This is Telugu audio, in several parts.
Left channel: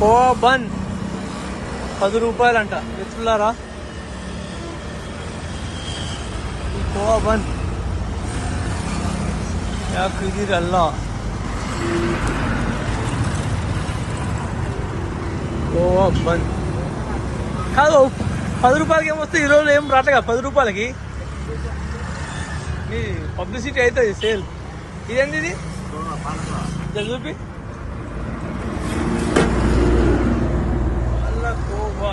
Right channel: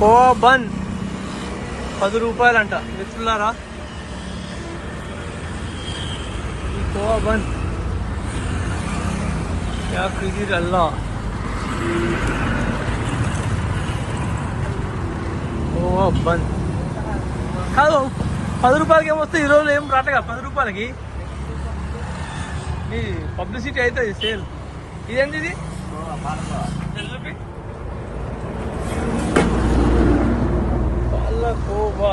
కోవా బన్ 10 రూపాయలంట. ఎట్లున్నారా ఈ కోవా బన్? యా ఖిజీర్ అల్లా కోవా బన్ కాదు. 10 రూపాయలకి ఏమొస్తాయి? ఈ రోజు ఏం రాటగా 10 రూపాయలకి. మీ పబ్లిసిటీ అవుతుంది సేల్. ఇదేంటి ఇది? చూపి. కోవా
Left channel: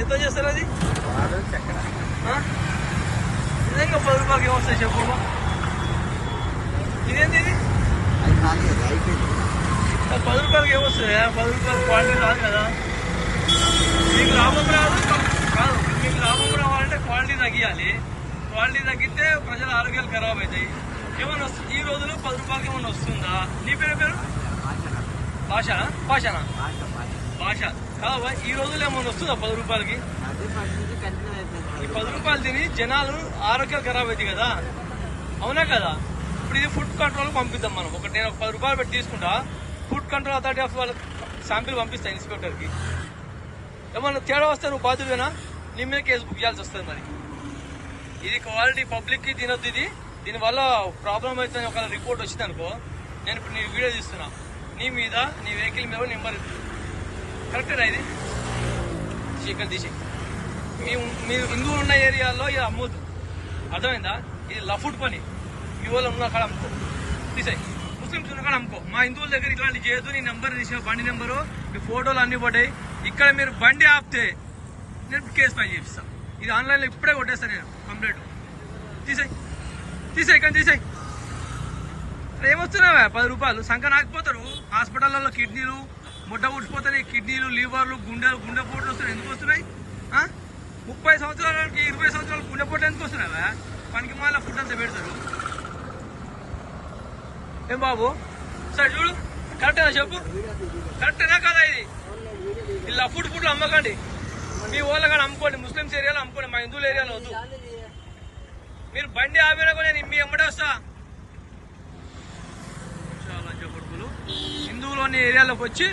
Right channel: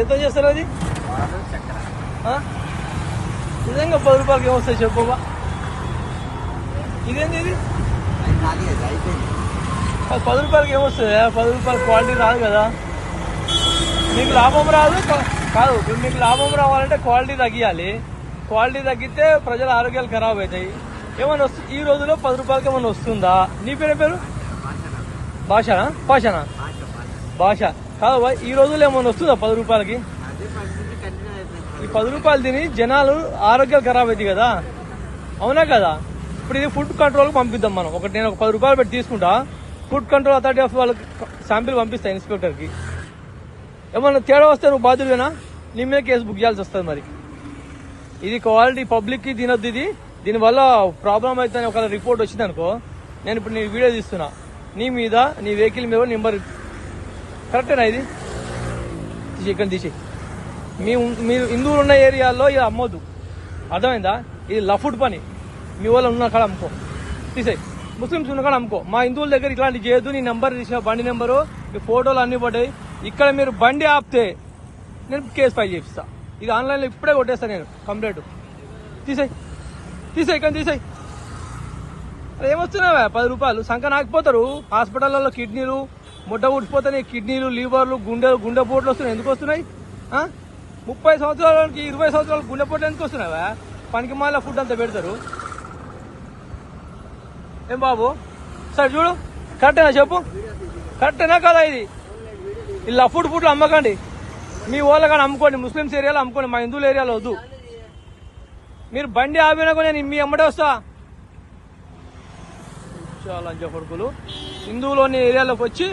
ఏదో చేస్తారు అది. నిజంగా 10 రూపాయలకి ఏమొస్తాయి చెప్పువా? ఇదేంటి ఇది? 10 రూపాయలకి ఏమొస్తుంది? 10 రూపాయలు క్వాలిటీ రాదు కదా. మీకు లాభం రాదు కాదు. మీకు లాభం రావాలంటే క్వాలిటీ తగ్గియాలి. క్వాలిటీ తగ్గితే ప్రజల ఆరోగ్యాలు ఖరాబ్ అవుతాయి. ఏమైనా వస్తుంది ఈ రోజులో 10 రూపాయలకి ఏమైనా వస్తుందా? నీ పేరు భాషనా? భాషనా? భాష కాదు. ఈ రోజుల్లో ఏమైనా వస్తుందా 10 రూపాయలకి? ఈ 10 రూపాయలు తిని జనాలు ఆరోగ్యాలు ఖరాబ్ అవుతాయి కదా. అవునా కదా? ఇప్పుడు ఇది ఫుడ్ కంట్రోల్ పంపిద్దాం మనం. నేను 10 రూపాయలు పెట్టి తీసుకుంటా. ఫుడ్ కంట్రోల్ అథారిటీ ఆఫ్ వాళ్ళకి శాంపిల్ పంపిస్తా ఇన్స్పెక్టర్కి. ఏమన్నా తేడా వస్తే నువ్వు బాధ్యుడేనా? నీ మీద కేసు బుక్ చేయాల్సి వస్తుంది. మరి ఇది క్వాలిటీ పబ్లిక్కి తినొద్దు. ఇది దీనివల్ల ప్రాబ్లం అవుతుందని ఒక రిపోర్ట్ వచ్చింది అనుకో. నేను ఇప్పుడు నీ వీడియో తీస్తున్నా. నీ మీద నీ వెహికల్ మీద నెంబర్ కరెక్టేనా? ఇది ఇక్కడ తీసి మీరు హిందువులు ఉన్న ఏరియాలో ఇది అమ్మొద్దు. అర్థమైందా? ఇది లఫుడ్ పని. మీ వాళ్ళు ఉన్న కాడ అమ్ముకో. తీసేయి. ముస్లిమ్స్ ఉన్న కాడ అమ్ముకో. మా హిందువుల దగ్గర ఇట్లాంటి చేయొద్దు. నీ నెంబర్ తీసిన బండి నెంబరు, ఈ ఫోటోలు అన్ని పడ్డాయి. ఇక్కడ మీరు బండి ఆపితే నేను కేసు ఫైల్ చేపిస్తా. ఇది ఆన్లైన్లో ఇప్పుడే కొట్టేస్తాను నేను కంప్లైంట్. తీసేయి కానీ తీసేయి. ఏమొస్తున్నావా 10 రూపాయలు? సంఖ నాకపోతారు. హాస్పిటల్లో కిడ్నీలు ముడ్డ ఊడ్చిపోతాయి. కిడ్నీలు, లీవర్లు, గుండెపోట్లు వస్తున్నాయి. ఎందుకు వస్తున్నాయి? 30 సంవత్సరాలకి 20 సంవత్సరాలకు గుండెపోట్లు ఎందుకు వస్తున్నావా? పనికి మాల ఫుడ్ అంతా పెడతారు. ఏం బాబు? సరే చూడు, కరెక్టేనా చెప్పు? కరెక్టేనా కదా? ఇది లఫుడ్ ఫుడ్లు అమ్మకండి. మీ వాళ్ళ కానీ అమ్ముకోండి. ముస్లిమ్స్ ఏరియాలో అమ్ముకోండి. మా హిందువుల ఏరియాలో వద్దు. మీరు బండి ఆపినా కూడా నేను మీ అమ్మడే వస్తా. లంచ కొడుకులు హిందువులోని ఏరియాలోకి వచ్చి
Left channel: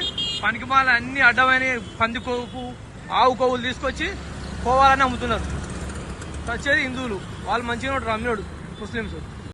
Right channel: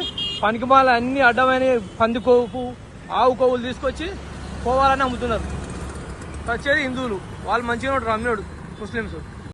పనికిమాల అన్ని అడ్డమైన పంది కొవ్వు, ఆవు కొవ్వులు తీసుకొచ్చి పోవాలని అమ్ముతున్నారు. వచ్చేది హిందువులు. వాళ్ళు మంచిగా ఉంటారు అమ్మినోడు ముస్లిమ్స్.